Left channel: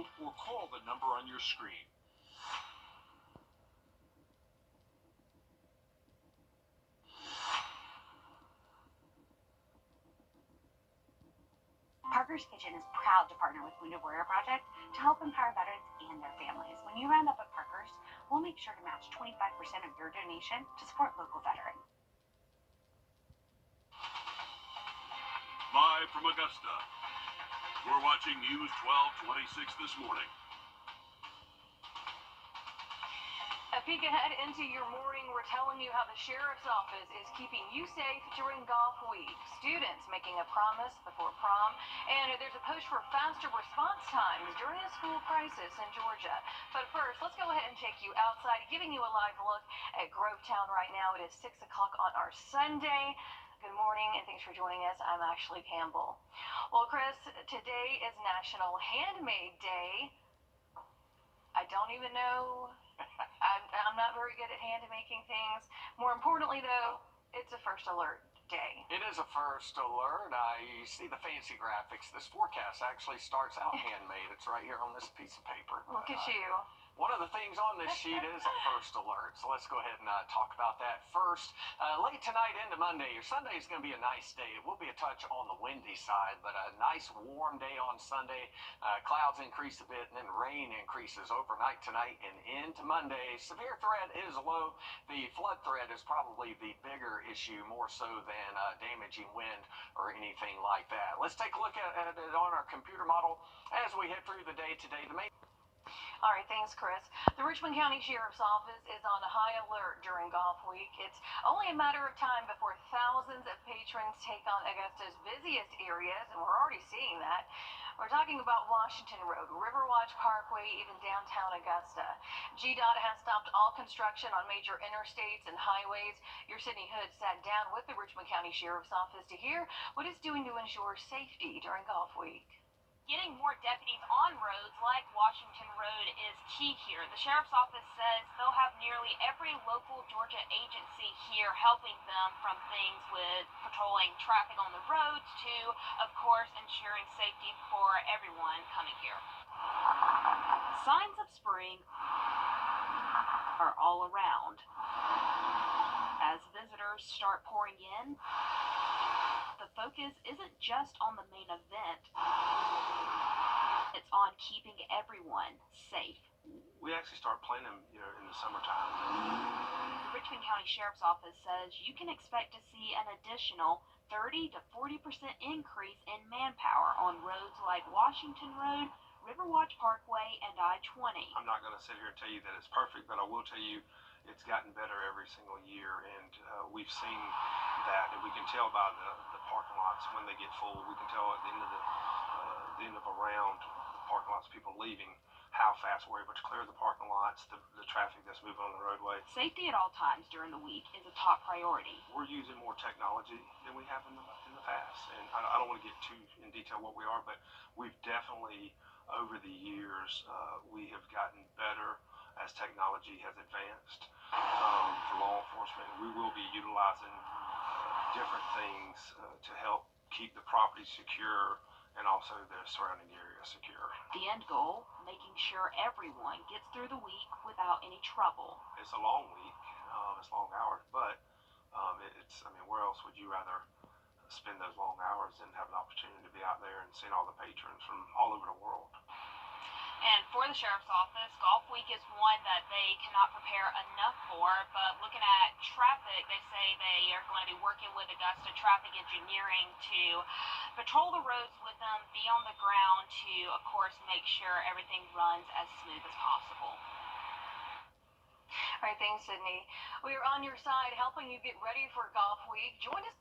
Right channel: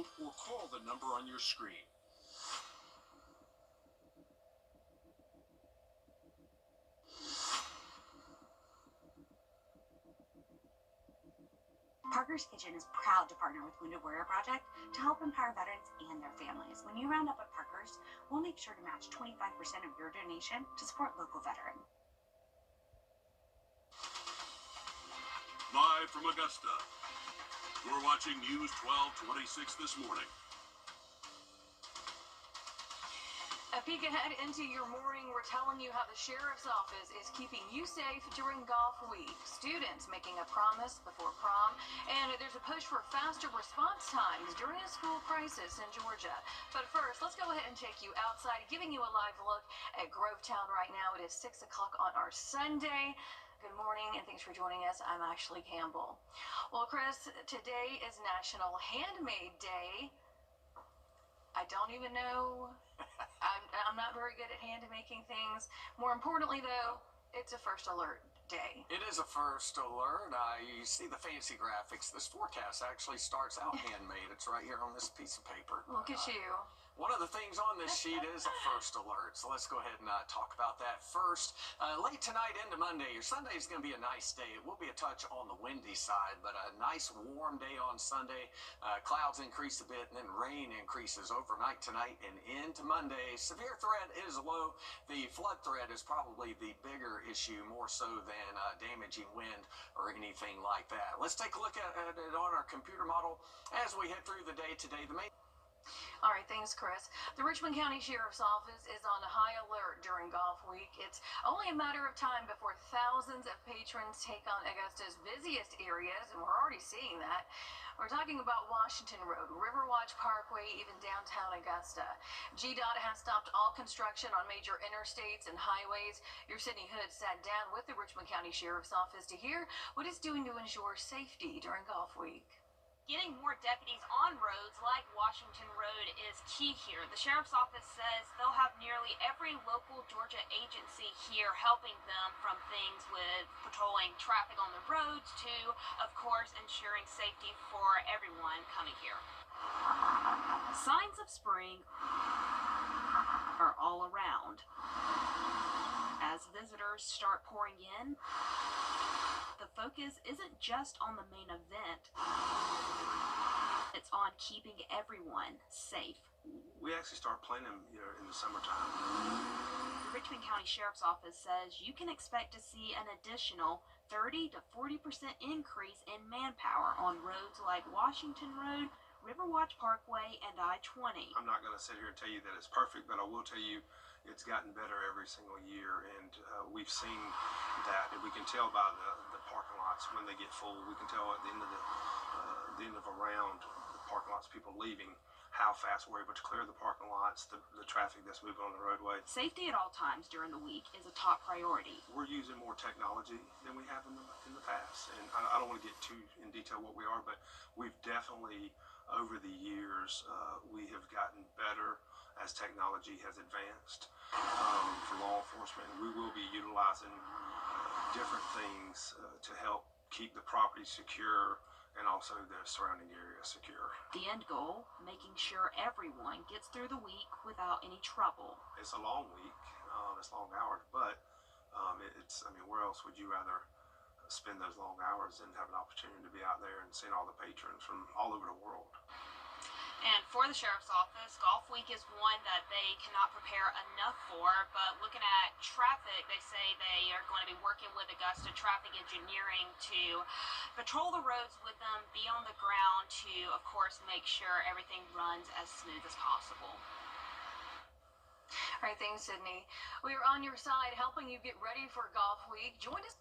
below or call the number on your screen. Parker's Kitchen is proud to partner with Wrdw Project to help empower veterans and their families. When you round up at Parker's, we'll make sure to match 25% of your donation to support local veterans. Live from Augusta, we're watching News 1226 this morning. A peek ahead into your morning, we're telling you how the Sheriff's Office is keeping you safe during golf week. Students making a promise before prom, and there's a push for faster response times during a school crisis in Georgia. But first, let's go ahead and take you outside, giving you a live look at Grovetown right now. It is 6 o'clock on our Sunday. Good morning, and thanks for joining us. I'm Ashley Campbell. Well, Chris, today is National Handmade Day. I don't even know. I'm not very good at hand making things. More importantly, though, it's a first alert day. It is a first alert. You see the fancy graphics. This forecast actually starts out handmade. It's right here on this piece of paper. Look at you. One of the things on this sheet is a first alert. So let's go ahead and talk about that first. Late tonight into Monday, your Sunday is going to be a nice day. It will be a touch on the windy side, but a nice warm day on Sunday. Clouds increase a bit, and then rain increases overnight tonight and into Monday. Severe threat is low. The flood threat is probably the bigger issue, more so than damaging wind or anything like that. Let's take a look at it on our computer model as we head through the day today. All right, thanks, Chris. The Richmond County Sheriff's Office is on high alert during golf week. It's only a matter of time before thousands of patrons take on Augusta's busiest areas, and we're already seeing that. We're talking about Washington Road, Riverwatch Parkway, even downtown Augusta. GDOT has stopped all construction on major interstates and highways. Your Sydney Hood sat down with the Richmond County Sheriff's Office to hear what it's doing to ensure safety during golf week. Getting more deputies on roads like Washington Road is key here. The Sheriff's Office says they'll have nearly every local Georgia agency here helping them, from things with patrolling traffic on the roads to, of course, ensuring safety for everyone coming here. Signs of spring are all around. As visitors start pouring in, the focus isn't just on the main event. It's on keeping everyone safe. We actually start planning in the summertime. The Richmond County Sheriff's Office says you can expect to see an additional 30 to 40% increase in manpower on roads like Washington Road, Riverwatch Parkway, and I-20. I'm not going to sit here and tell you that it's perfect, but I will tell you it's gotten better every single year, and we've seen that. And we can tell by the parking lots when they get full. We can tell at the end of a round, the parking lots, people leaving, how fast we're able to clear the parking lots, the traffic that's moving on the roadway. Safety at all times during the week is a top priority. We're using more technology than we have in the past, and I don't want to get too in detail what we are, but we've definitely, over the years, we have gotten better as technology has advanced. For law enforcement, we will be utilizing different things to help keep the property secure and also the surrounding area secure. The end goal, making sure everyone gets through the week without any trouble. It's a long week, it's long hours, but where else would you rather spend those long hours and have an opportunity to be out there and seeing all the patrons from all over the world? And for the Sheriff's Office, Golf Week is one that they cannot prepare enough for. But looking at traffic, they say they are going to be working with Augusta Traffic Engineering to patrol the roads with them, be on the ground to, of course, make sure everything runs as smooth as possible. All right, thanks, Sydney. We are on your side, helping you get ready for Golf Week. Join us.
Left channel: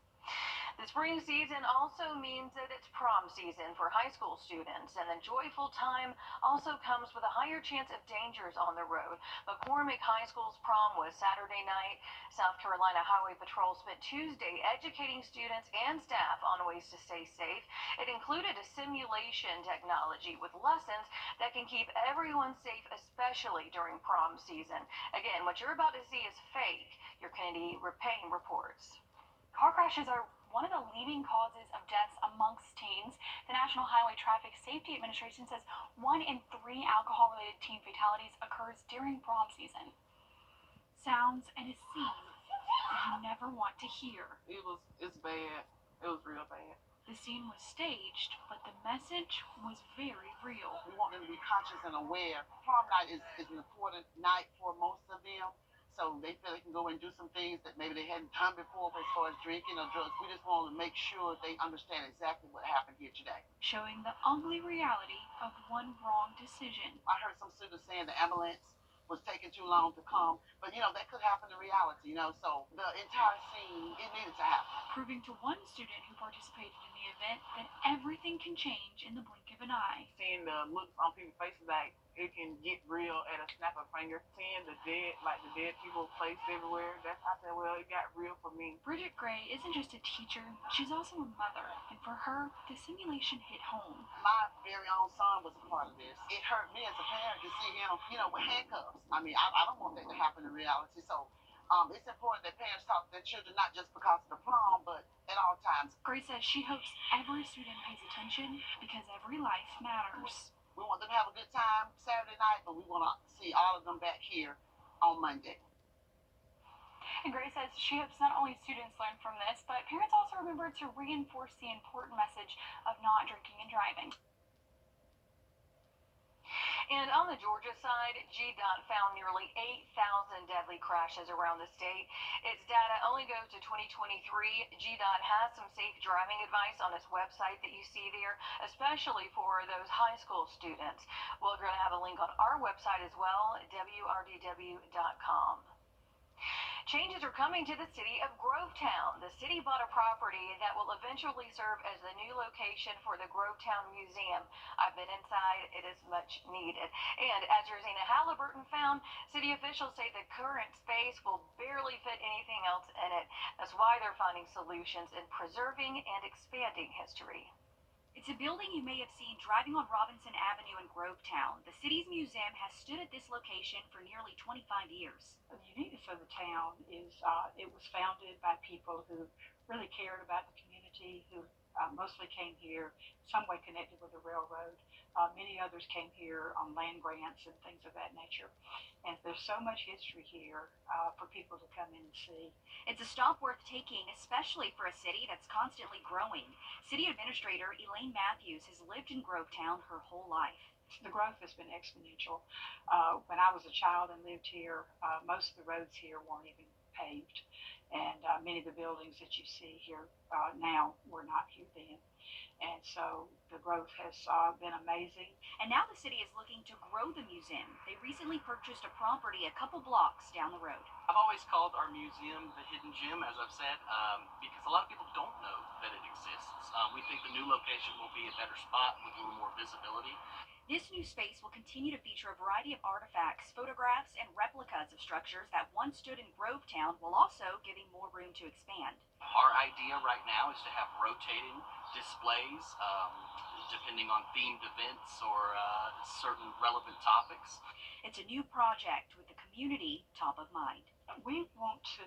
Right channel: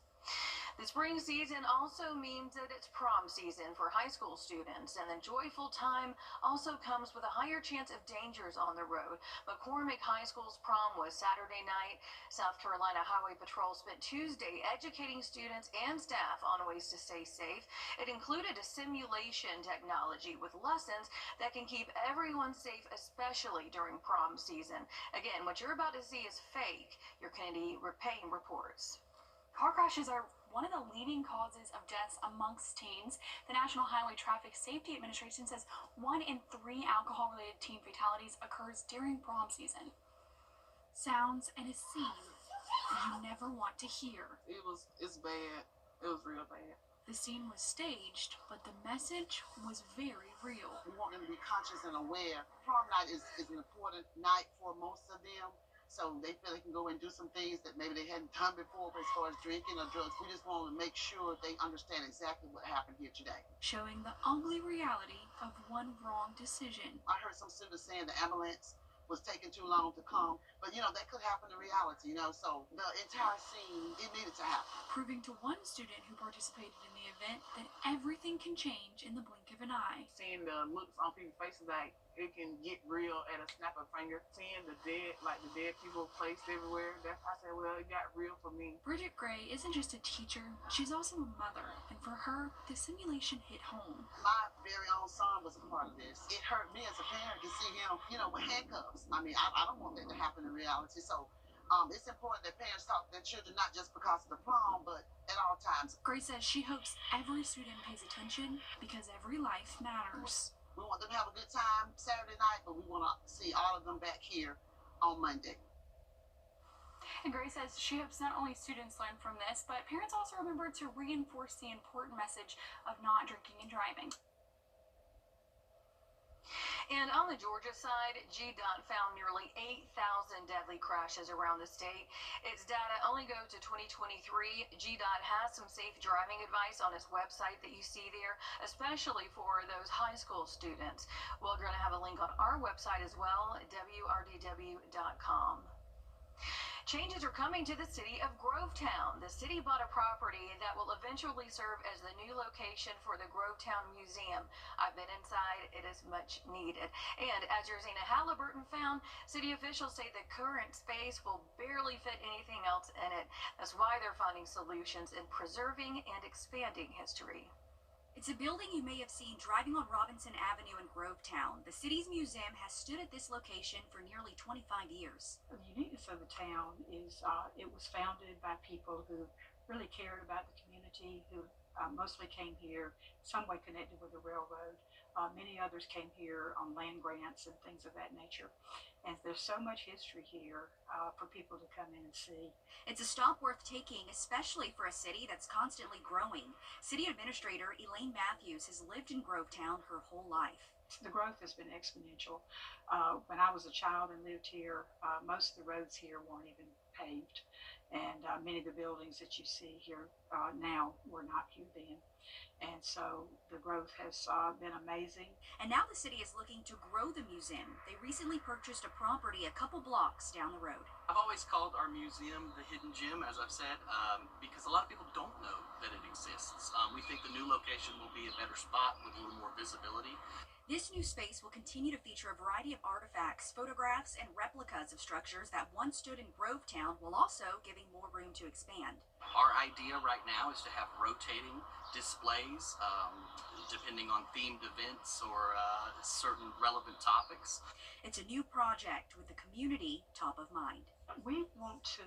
The spring season also means that it's prom season for high school students, and the joyful time also comes with a higher chance of dangers on the road. McCormick High School's prom was Saturday night. South Carolina Highway Patrol spent Tuesday educating students and staff on ways to stay safe. It included a simulation technology with lessons that can keep everyone safe, especially during prom season. Again, what you're about to see is fake. Your Kennedy Payne reports. Car crashes are one of the leading causes of deaths amongst teens. The National Highway Traffic Safety Administration says 1 in 3 alcohol-related teen fatalities occurs during prom season. Sounds and a scene you never want to hear. It's bad. It was real bad. The scene was staged, but the message was very real. We want them to be conscious and aware. Prom night is an important night for most of them. So they feel they can go and do some things that maybe they hadn't done before, but as far as drinking or drugs, we just want to make sure they understand exactly what happened here today. Showing the ugly reality of one wrong decision. I heard some students saying the ambulance was taking too long to come, but that could happen in reality, so the entire scene, it needed to happen. Proving to one student who participated in the event that everything can change in the blink of an eye. Seeing the looks on people's faces, like it can get real at a snap of a finger. Seeing the dead people placed everywhere, I said, well, it got real for me. Bridget Gray isn't just a teacher, she's also a mother, and for her, the simulation hit home. My very own son was a part of this. It hurt me as a parent to see him, with handcuffs. I mean, I don't want that to happen in reality, so it's important that parents talk to their children, not just because of the prom, but at all times. Gray says she hopes every student pays attention because every life matters. We want them to have a good time Saturday night, but we want to see all of them back here on Monday. And Gray says she hopes not only students learn from this, but parents also remember to reinforce the important message of not drinking and driving. And on the Georgia side, GDOT found nearly 8,000 deadly crashes around the state. Its data only goes to 2023. GDOT has some safe driving advice on its website that you see there, especially for those high school students. We're going to have a link on our website as well, Wrdw.com. Changes are coming to the city of Grovetown. The city bought a property that will eventually serve as the new location for the Grovetown Museum. I've been inside. It is much needed. And as Rosina Halliburton found, city officials say the current space will barely fit anything else in it. That's why they're finding solutions in preserving and expanding history. It's a building you may have seen driving on Robinson Avenue in Grovetown. The city's museum has stood at this location for nearly 25 years. The uniqueness of the town is it was founded by people who really cared about the community, who mostly came here some way connected with the railroad. Many others came here on land grants and things of that nature. And there's so much history here for people to come in and see. It's a stop worth taking, especially for a city that's constantly growing. City Administrator Elaine Matthews has lived in Grovetown her whole life. The growth has been exponential. When I was a child and lived here, most of the roads here weren't even paved. And many of the buildings that you see here now were not here then. And so the growth has been amazing. And now the city is looking to grow the museum. They recently purchased a property a couple blocks down the road. I've always called our museum the hidden gem, as I've said, because a lot of people don't know that it exists. We think the new location will be a better spot with a little more visibility. This new space will continue to feature a variety of artifacts, photographs, and replicas of structures that once stood in Grovetown, while also giving more room to expand. Our idea right now is to have rotating displays, depending on themed events or certain relevant topics. It's a new project with the community top of mind. We want to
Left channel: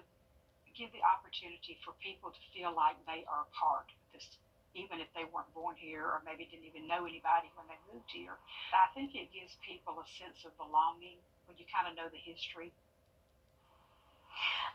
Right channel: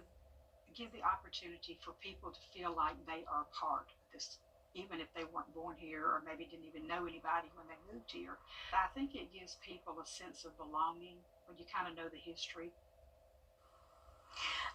give the opportunity for people to feel like they are part of this, even if they weren't born here or maybe didn't even know anybody when they moved here. I think it gives people a sense of belonging when you kind of know the history.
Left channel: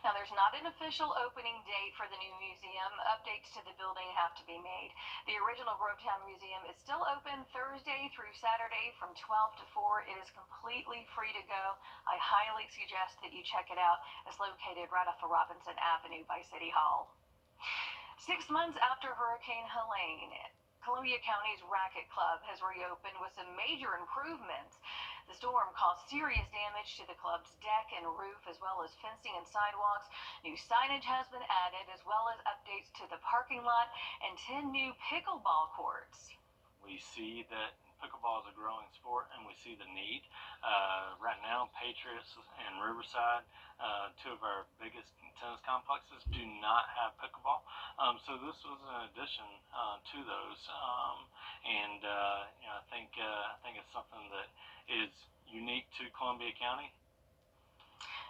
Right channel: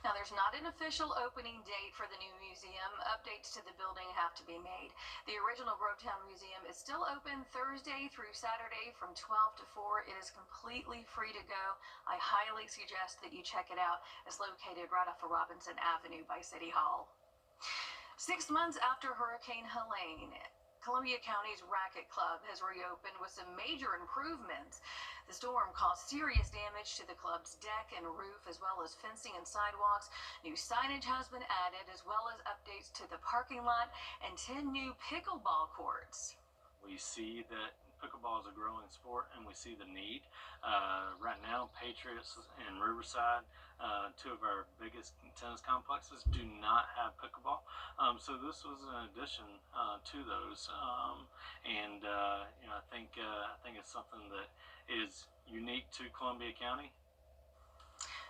Now, there's not an official opening date for the new museum. Updates to the building have to be made. The original Grovetown Museum is still open Thursday through Saturday from 12 to 4. It is completely free to go. I highly suggest that you check it out. It's located right off of Robinson Avenue by City Hall. 6 months after Hurricane Helene, Columbia County's Racquet Club has reopened with some major improvements. The storm caused serious damage to the club's deck and roof, as well as fencing and sidewalks. New signage has been added, as well as updates to the parking lot and 10 new pickleball courts. We see that pickleball is a growing sport, and we see the need. Right now, Patriots and Riverside, two of our biggest tennis complexes, do not have pickleball. So this was an addition to those, and I think it's something that is unique to Columbia County.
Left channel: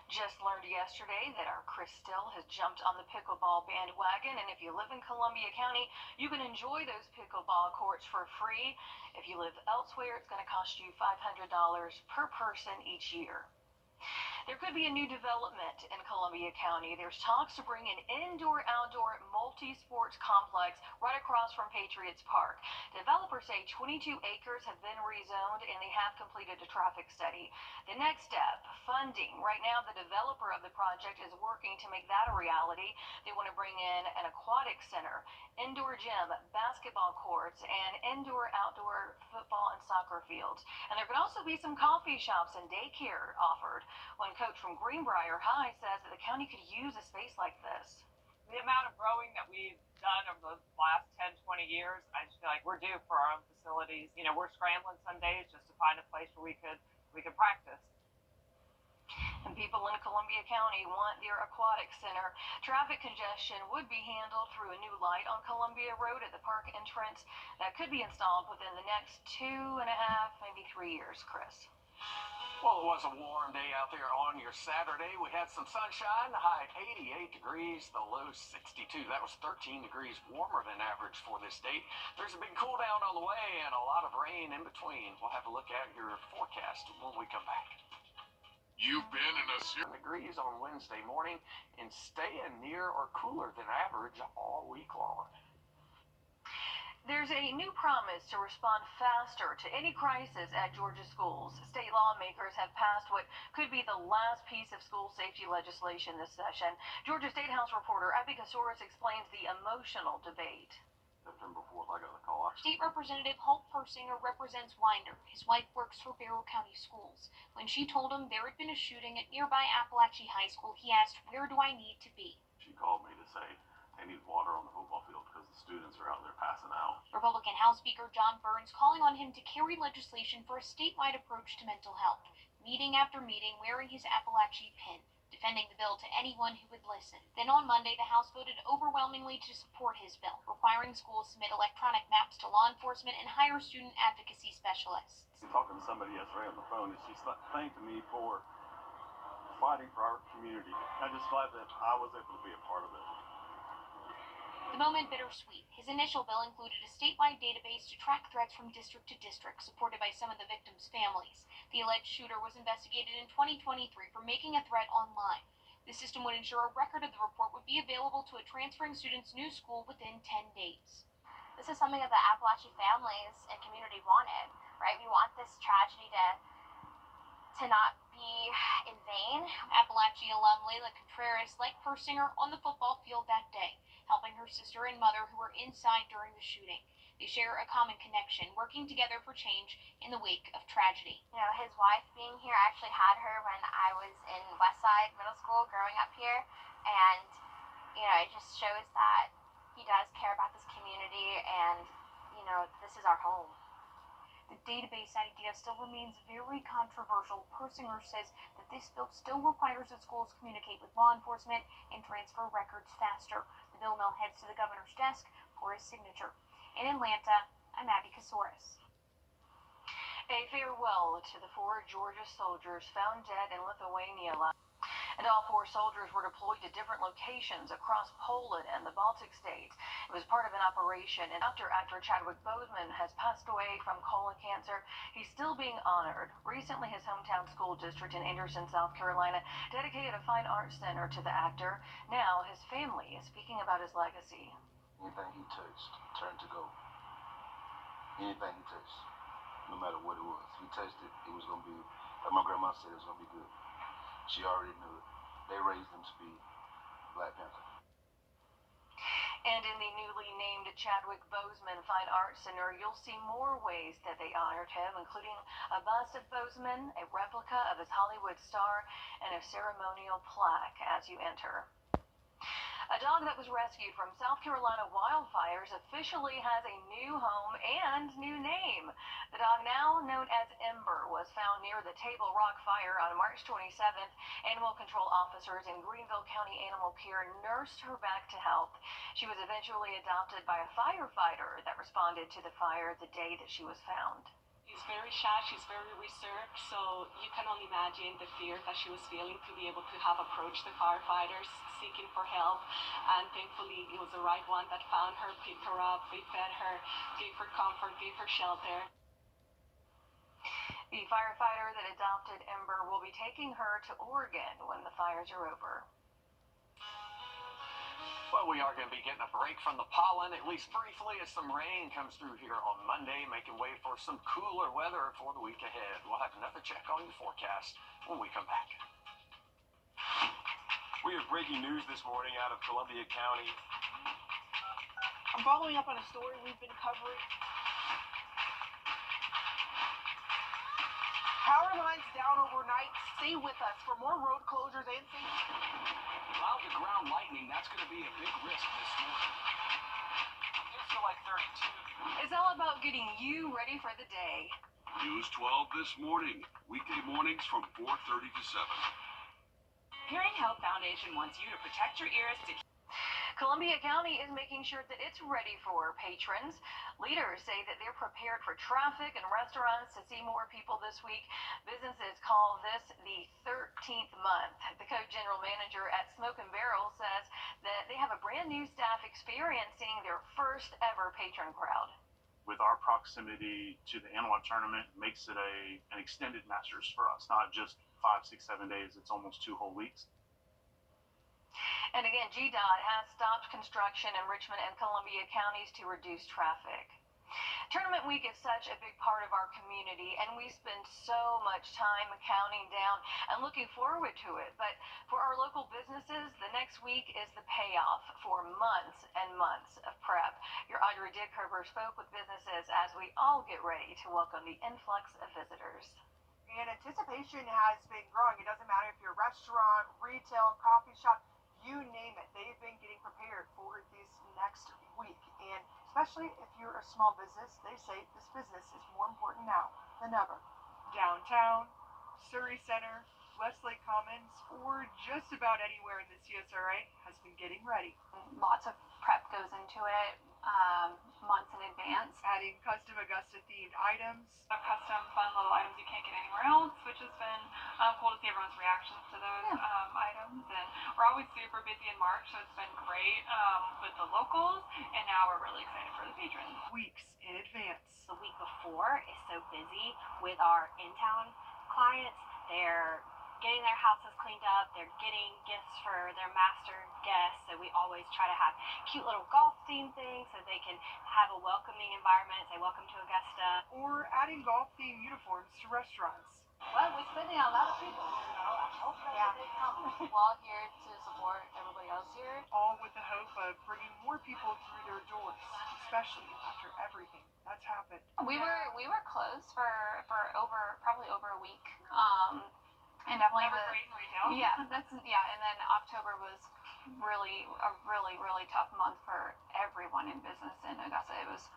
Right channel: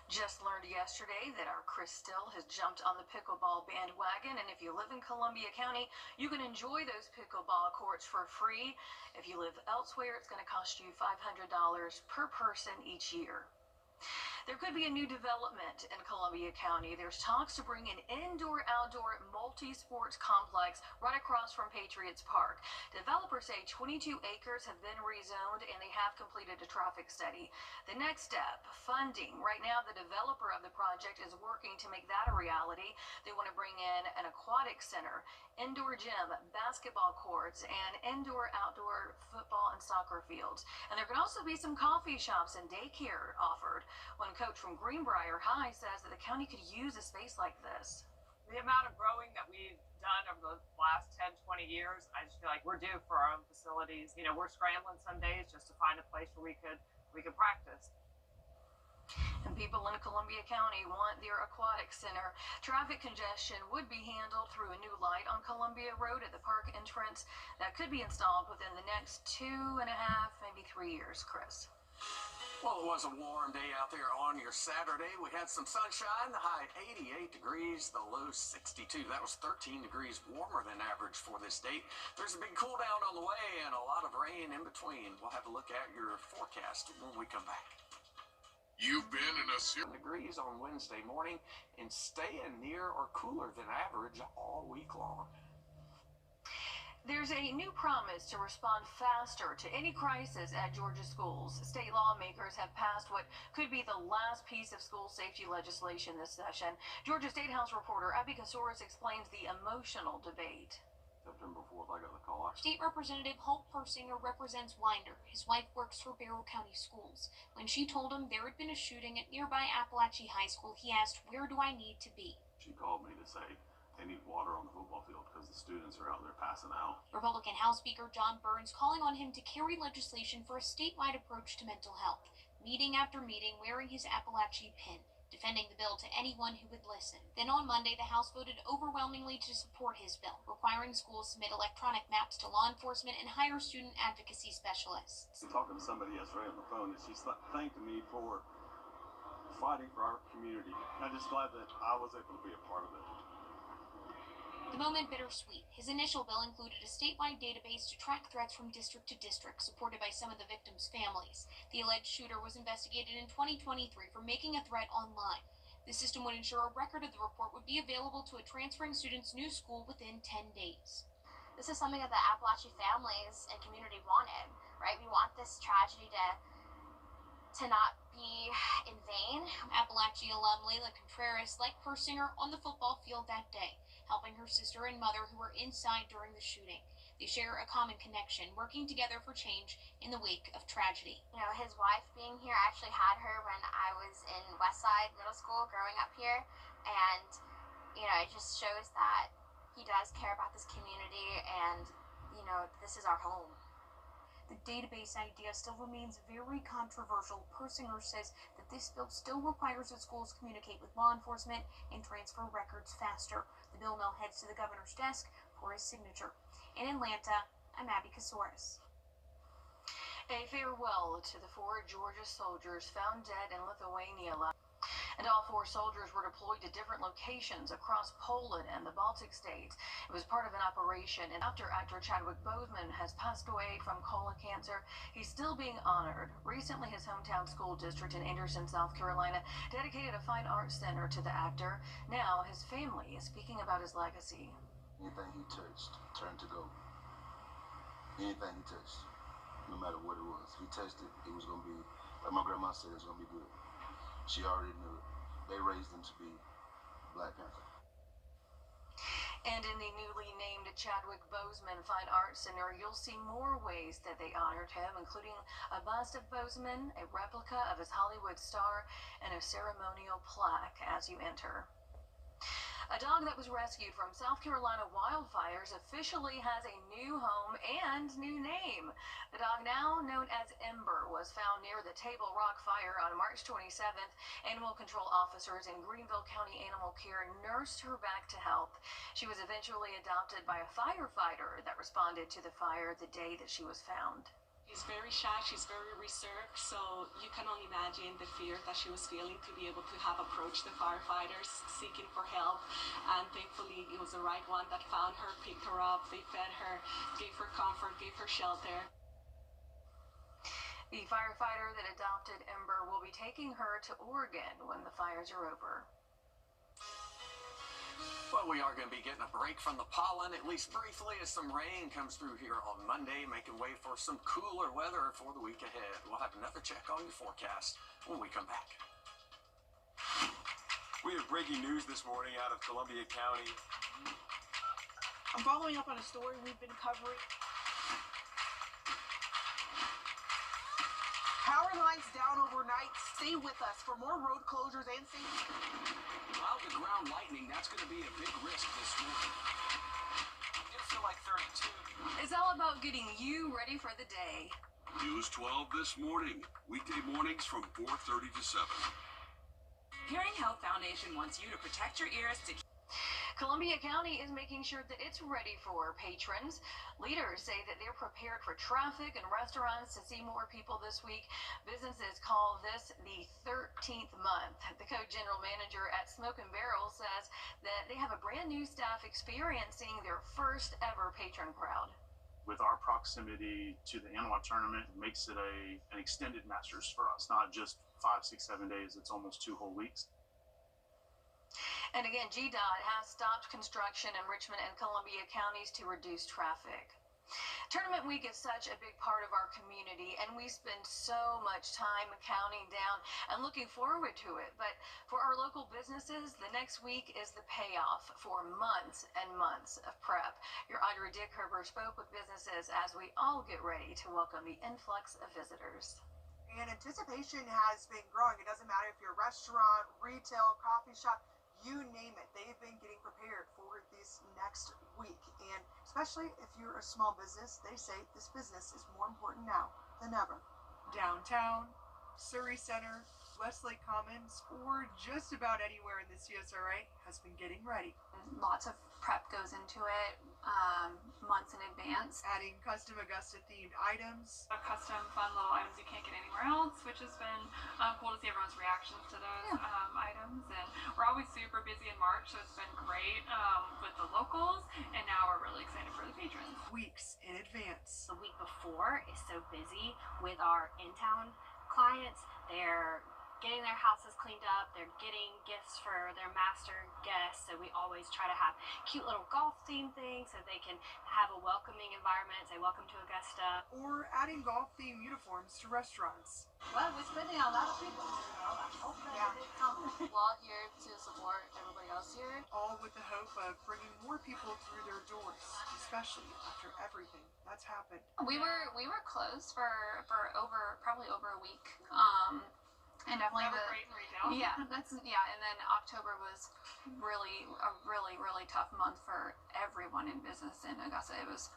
Just learned yesterday that our Chris Still has jumped on the pickleball bandwagon, and if you live in Columbia County, you can enjoy those pickleball courts for free. If you live elsewhere, it's going to cost you $500 per person each year. There could be a new development in Columbia County. There's talks to bring an indoor-outdoor multi-sports complex right across from Patriots Park. Developers say 22 acres have been rezoned and they have completed a traffic study. The next step, funding. Right now, the developer of the project is working to make that a reality. They want to bring in an aquatic center, indoor gym, basketball courts, and indoor-outdoor football and soccer fields. And there could also be some coffee shops and daycare offered. One coach from Greenbrier High says that the county could use a space like this. The amount of growing that we've done over the last 10, 20 years, I just feel like we're due for our own facilities. You know, we're scrambling some days just to find a place where we could practice. And people in Columbia County want their aquatic center. Traffic congestion would be handled through a new light on Columbia Road at the park entrance that could be installed within the next 2.5, maybe 3 years, Chris. Well, it was a warm day out there on your Saturday. We had some sunshine, the high 88 degrees, the low 62. That was 13 degrees warmer than average for this date. There's a big cool down on the way and a lot of rain in between. We'll have a look at your forecast when we come back. You've been in a Degrees on Wednesday morning and staying near or cooler than average all week long. There's a new promise to respond faster to any crisis at Georgia schools. State lawmakers have passed what could be the last piece of school safety legislation this session. Georgia State House reporter Abby Kasoris explains the emotional debate. September 4th, I got the call. State Representative Holt Persinger represents Winder. His wife works for Barrow County Schools. When she told him there had been a shooting at nearby Appalachian High School, he asked, "Where do I need to be?" She called me to say they need water on the football field because the students are out there passing out. Republican House Speaker John Burns calling on him to carry legislation for a statewide approach to mental health, meeting after meeting wearing his Appalachia pin, defending the bill to anyone who would listen. Then on Monday, the House voted overwhelmingly to support his bill, requiring schools submit electronic maps to law enforcement and hire student advocacy specialists. I'm talking to somebody yesterday on the phone, and she's thanking me for fighting for our community. I'm just glad that I was able to be a part of it. The moment bittersweet. His initial bill included a statewide database to track threats from district to district, supported by some of the victims' families. The alleged shooter was investigated in 2023 for making a threat online. The system would ensure a record of the report would be available to a transferring student's new school within 10 days. This is something that the Appalachian families and community wanted, right? We want this tragedy to not be in vain. Appalachia alum Layla Contreras, like Persinger, on the football field that day, helping her sister and mother who were inside during the shooting. They share a common connection, working together for change in the wake of tragedy. You know, his wife being here, I actually had her when I was in Westside Middle School growing up here, and, you know, it just shows that he does care about this community and, you know, this is our home. The database idea still remains very controversial. Persinger says that this bill still requires that schools communicate with law enforcement and transfer records faster. The bill now heads to the governor's desk for his signature. In Atlanta, I'm Abby Kasoris. A farewell to the 4 Georgia soldiers found dead in Lithuania last. And all 4 soldiers were deployed to different locations across Poland and the Baltic states. It was part of an operation, and after actor Chadwick Boseman has passed away from colon cancer, he's still being honored. Recently, his hometown school district in Anderson, South Carolina, dedicated a fine arts center to the actor. Now, his family is speaking about his legacy. Anything he touched turned to gold. Anything he touched, no matter what it was. He touched it, it was going to be, like my grandma said, it was going to be good. She already knew it. They raised him to be Black Panther. And in the newly named Chadwick Boseman Fine Arts Center, you'll see more ways that they honored him, including a bust of Boseman, a replica of his Hollywood star, and a ceremonial plaque as you enter. A dog that was rescued from South Carolina wildfires officially has a new home and new name. The dog, now known as Ember, was found near the Table Rock fire on March 27th. Animal control officers in Greenville County Animal Care nursed her back to health. She was eventually adopted by a firefighter that responded to the fire the day that she was found. She's very shy, she's very reserved, so you can only imagine the fear that she was feeling to be able to have approached the firefighters seeking for help. And thankfully, it was the right one that found her, picked her up, they fed her, gave her comfort, gave her shelter. The firefighter that adopted Ember will be taking her to Oregon when the fires are over. Well, we are going to be getting a break from the pollen, at least briefly, as some rain comes through here on Monday, making way for some cooler weather for the week ahead. We'll have another check on your forecast when we come back. We have breaking news this morning out of Columbia County. I'm following up on a story we've been covering. Power lines down overnight. Stay with us for more road closures and safety. Cloud to ground lightning, that's going to be a big risk this morning. It's still like 32. It's all about getting you ready for the day. News 12 this morning. Weekday mornings from 4:30 to 7. Hearing Health Foundation wants you to protect your ears to Columbia County is making sure that it's ready for patrons. Leaders say that they're prepared for traffic and restaurants to see more people this week. Businesses call this the 13th month. The co-general manager at Smoke and Barrel says that they have a brand new staff experiencing their first ever patron crowd. With our proximity to the analog tournament, it makes it an extended Masters for us, not just 5, 6, 7 days. It's almost 2 whole weeks. And again, GDOT has stopped construction in Richmond and Columbia counties to reduce traffic. Tournament week is such a big part of our community, and we spend so much time counting down and looking forward to it. But for our local businesses, the next week is the payoff for months and months of prep. Your Audrey Dickherber spoke with businesses as we all get ready to welcome the influx of visitors. And anticipation has been growing. It doesn't matter if you're a restaurant, retail, coffee shop, you name it. They've been getting prepared for this next week. And especially if you're a small business, they say this business is more important now than ever. Downtown, Surrey Center, Westlake Commons, or just about anywhere in the CSRA has been getting ready. Lots of prep goes into it, months in advance. Adding custom Augusta themed items. Custom fun little items you can't get anywhere else, which has been cool to see everyone's reactions to those items. And we're always super busy in March, so it's been great with the locals, and now we're really excited for the patrons. Weeks in advance. The week before is so busy with our in-town clients. They're getting their houses cleaned up, they're getting gifts for their master guests, so we always try to have cute little golf theme things so they can have a welcoming environment, say welcome to Augusta. Or adding golf theme uniforms to restaurants. Well, we're spending a lot of people, hopefully they come. We're all here to support everybody else here. All with the hope of bringing more people through their doors, especially after everything that's happened. We were closed for probably over a week. And definitely Never great in retail. And then October was really a really tough month for everyone in business in Augusta. It was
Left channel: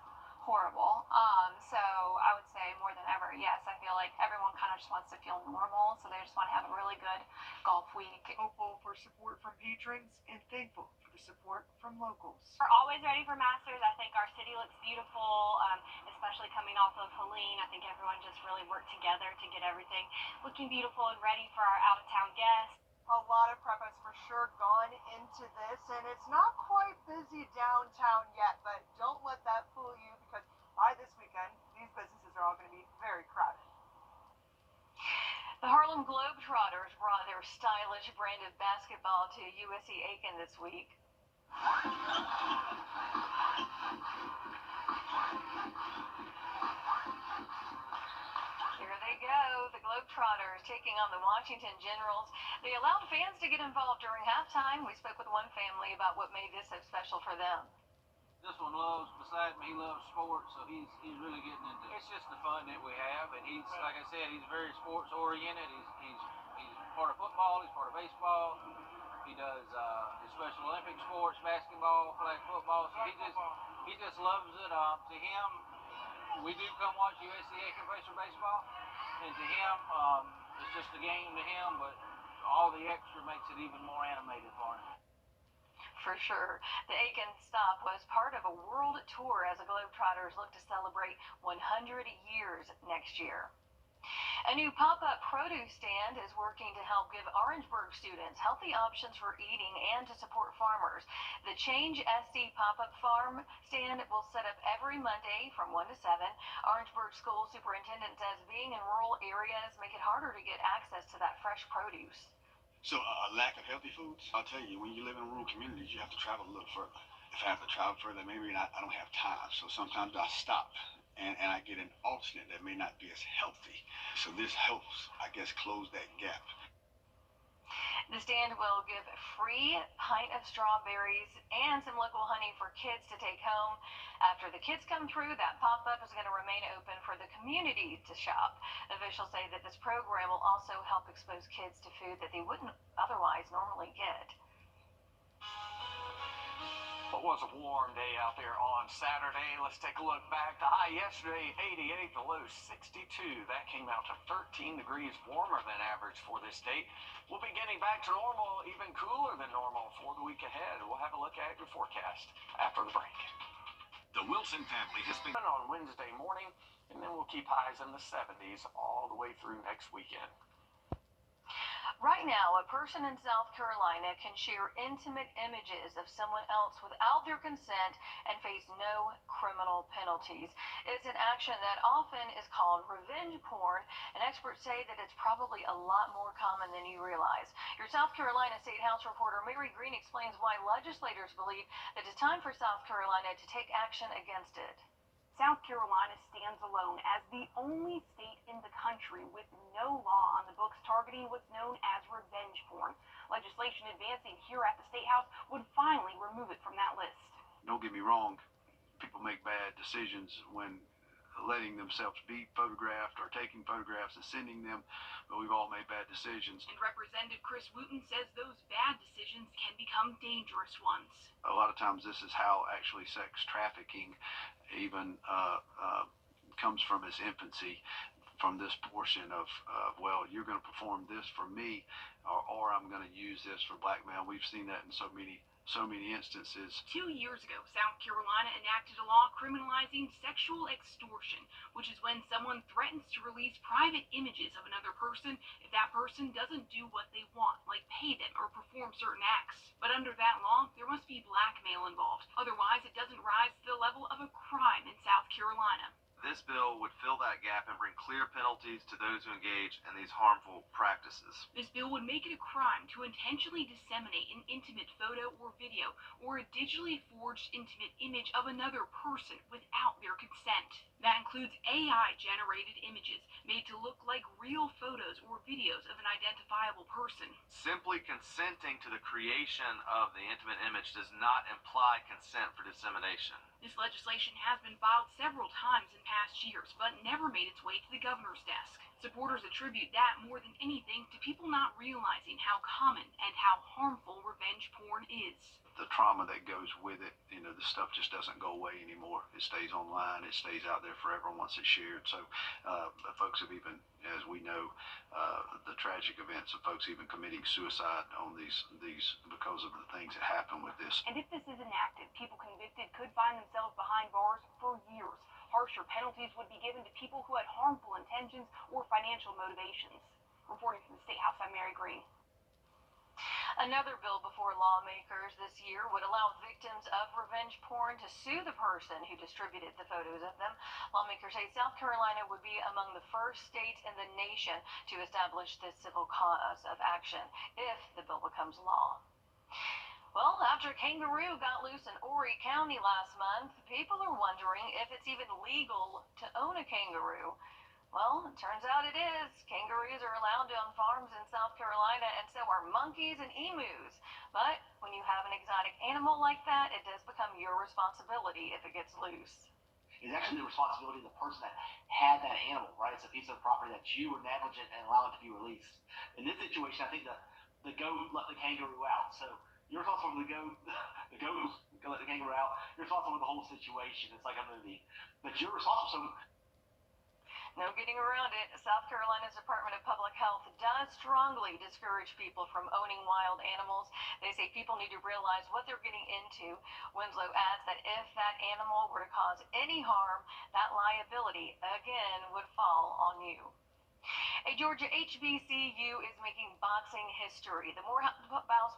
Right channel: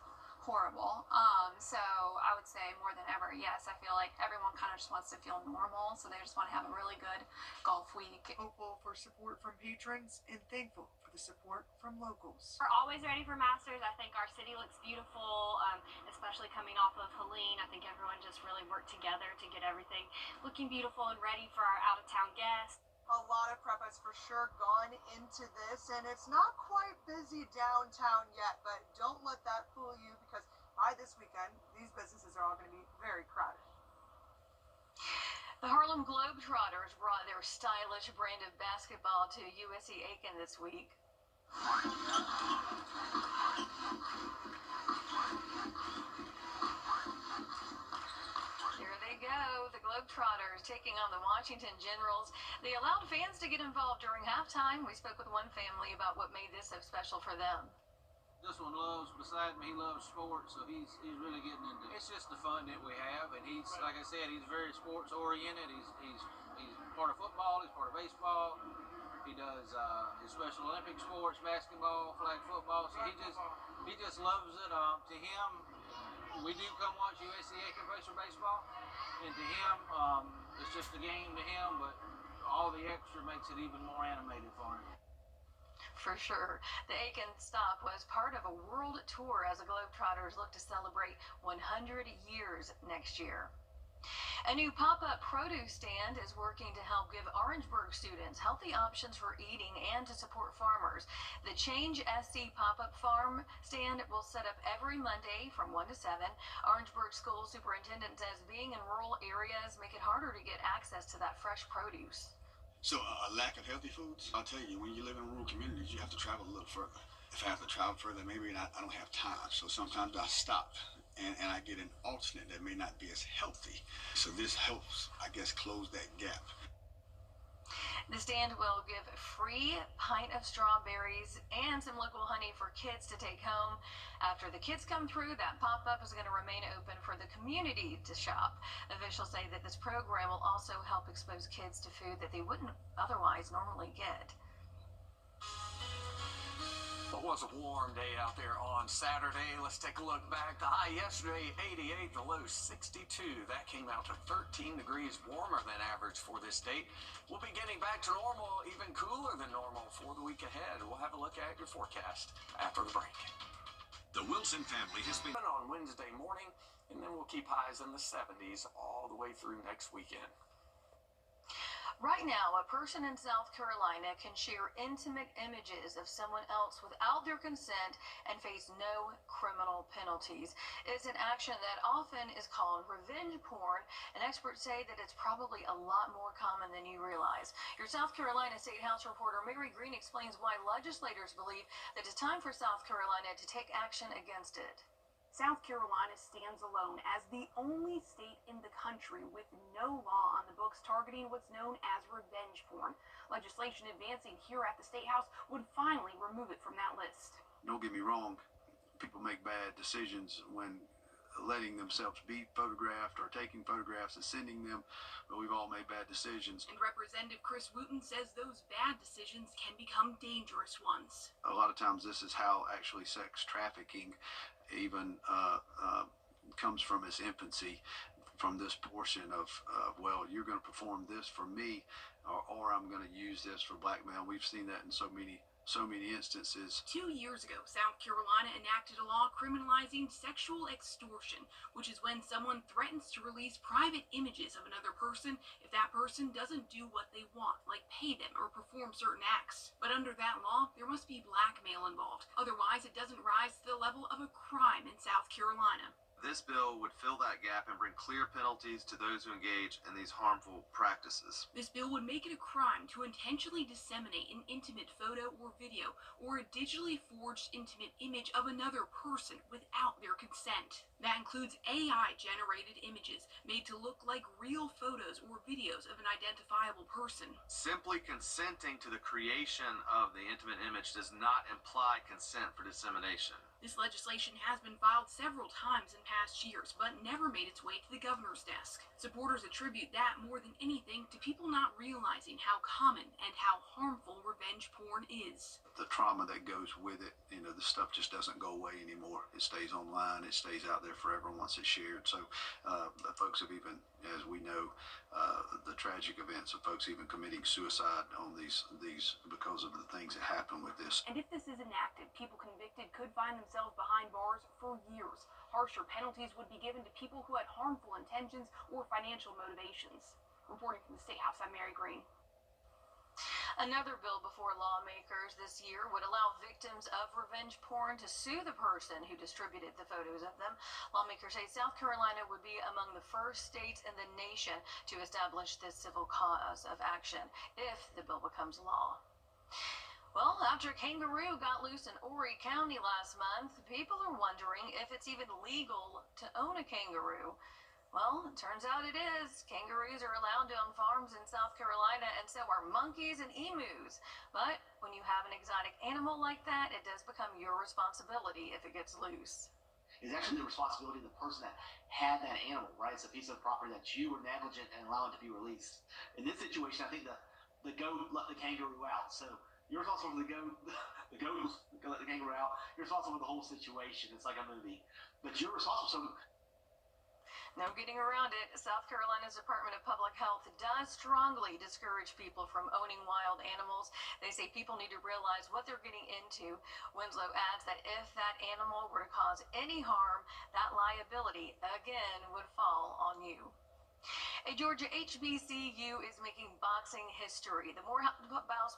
horrible. So I would say more than ever, yes, I feel like everyone kind of just wants to feel normal, so they just want to have a really good golf week. Hopeful for support from patrons and thankful for the support from locals. We're always ready for Masters. I think our city looks beautiful, especially coming off of Helene. I think everyone just really worked together to get everything looking beautiful and ready for our out-of-town guests. A lot of prep has for sure gone into this, and it's not quite busy downtown yet, but don't let that fool you, because by this weekend, these businesses are all going to be very crowded. The Harlem Globetrotters brought their stylish brand of basketball to USC-Aiken this week. Here they go, the Globetrotters taking on the Washington Generals. They allowed fans to get involved during halftime. We spoke with one family about what made this so special for them. This one loves, beside me, he loves sports, so he's really getting into it. It's just the fun that we have, and he's, like I said, he's very sports oriented. He's part of football, he's part of baseball. He does his Special Olympic sports, basketball, flag football, so he just loves it. To him, we do come watch USC-Aiken play for baseball, and to him, it's just a game to him, but all the extra makes it even more animated for him. For sure. The Aiken stop was part of a world tour as the Globetrotters look to celebrate 100 years next year. A new pop-up produce stand is working to help give Orangeburg students healthy options for eating and to support farmers. The Change SC pop-up farm stand will set up every Monday from 1 to 7. Orangeburg School Superintendent says being in rural areas make it harder to get access to that fresh produce. So a lack of healthy foods? I'll tell you, when you live in rural communities, you have to travel a little further. If I have to travel further, maybe I don't have time. So sometimes I stop and I get an alternate that may not be as healthy. So this helps, I guess, close that gap. The stand will give a free pint of strawberries and some local honey for kids to take home. After the kids come through, that pop-up is going to remain open for the community to shop. Officials say that this program will also help expose kids to food that they wouldn't otherwise normally get. It was a warm day out there on Saturday. Let's take a look back. The high yesterday, 88, the low 62. That came out to 13 degrees warmer than average for this date. We'll be getting back to normal, even cooler than normal for the week ahead. We'll have a look at your forecast after the break. The Wilson family has been on Wednesday morning, and then we'll keep highs in the 70s all the way through next weekend. Right now, a person in South Carolina can share intimate images of someone else without their consent and face no criminal penalties. It's an action that often is called revenge porn, and experts say that it's probably a lot more common than you realize. Your South Carolina State House reporter Mary Green explains why legislators believe that it's time for South Carolina to take action against it. South Carolina stands alone as the only state in the country with no law on the books targeting what's known as revenge porn. Legislation advancing here at the State House would finally remove it from that list. Don't get me wrong, people make bad decisions when letting themselves be photographed or taking photographs and sending them, but we've all made bad decisions. And Representative Chris Wooten says those bad decisions can become dangerous ones. A lot of times this is how actually sex trafficking even comes from its infancy, from this portion of well, you're going to perform this for me, or I'm going to use this for blackmail. We've seen that in so many instances. 2 years ago, South Carolina enacted a law criminalizing sexual extortion, which is when someone threatens to release private images of another person if that person doesn't do what they want, like pay them or perform certain acts. But under that law, there must be blackmail involved. Otherwise, it doesn't rise to the level of a crime in South Carolina. This bill would fill that gap and bring clear penalties to those who engage in these harmful practices. This bill would make it a crime to intentionally disseminate an intimate photo or video or a digitally forged intimate image of another person without their consent. That includes AI-generated images made to look like real photos or videos of an identifiable person. Simply consenting to the creation of the intimate image does not imply consent for dissemination. This legislation has been filed several times in past years, but never made its way to the governor's desk. Supporters attribute that more than anything to people not realizing how common and how harmful revenge porn is. The trauma that goes with it, the stuff just doesn't go away anymore. It stays online, it stays out there forever once it's shared. So folks have even, as we know, the tragic events of folks even committing suicide on these because of the things that happen with this. And if this is enacted, people convicted could find themselves behind bars for years. Harsher penalties would be given to people who had harmful intentions or financial motivations. Reporting from the State House, I'm Mary Green. Another bill before lawmakers this year would allow victims of revenge porn to sue the person who distributed the photos of them. Lawmakers say South Carolina would be among the first states in the nation to establish this civil cause of action if the bill becomes law. Well, after a kangaroo got loose in Horry County last month, people are wondering if it's even legal to own a kangaroo. Well, it turns out it is. Kangaroos are allowed on farms in South Carolina, and so are monkeys and emus. But when you have an exotic animal like that, it does become your responsibility if it gets loose. It's actually the responsibility of the person that had that animal, right? It's a piece of property that you were negligent and allowed it to be released. In this situation, I think the goat let the kangaroo out. So you're responsible for the goat let the kangaroo out. You're responsible for the whole situation. It's like a movie. But you're responsible. So No getting around it. South Carolina's Department of Public Health does strongly discourage people from owning wild animals. They say people need to realize what they're getting into. Winslow adds that if that animal were to cause any harm, that liability, again, would fall on you. A Georgia HBCU is making boxing history. The Morehouse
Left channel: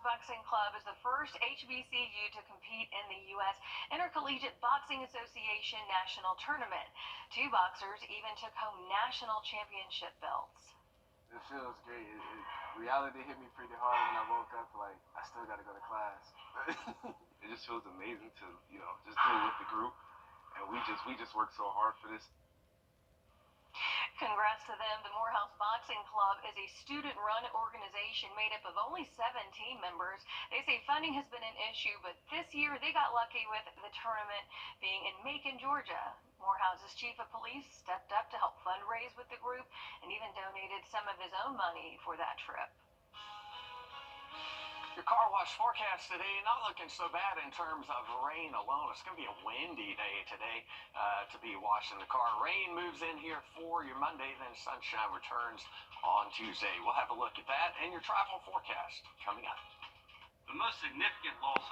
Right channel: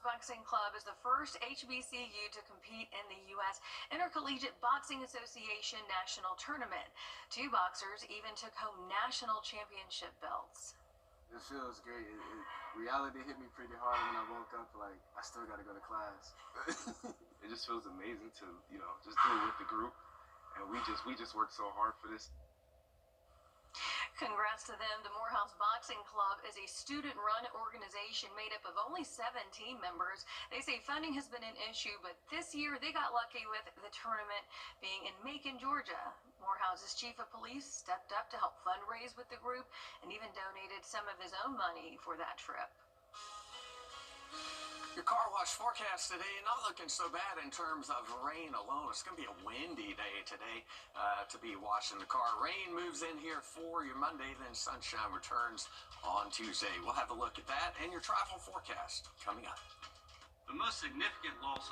Boxing Club is the first HBCU to compete in the U.S. Intercollegiate Boxing Association National Tournament. 2 boxers even took home national championship belts. It feels great. Reality hit me pretty hard when I woke up. Like, I still got to go to class. It just feels amazing to, just deal with the group. And we just worked so hard for this. Congrats to them. The Morehouse Boxing Club is a student-run organization made up of only 7 team members. They say funding has been an issue, but this year they got lucky with the tournament being in Macon, Georgia. Morehouse's chief of police stepped up to help fundraise with the group and even donated some of his own money for that trip. Your car wash forecast today, not looking so bad in terms of rain alone. It's going to be a windy day today to be washing the car. Rain moves in here for your Monday, then sunshine returns on Tuesday. We'll have a look at that and your travel forecast coming up. The most significant loss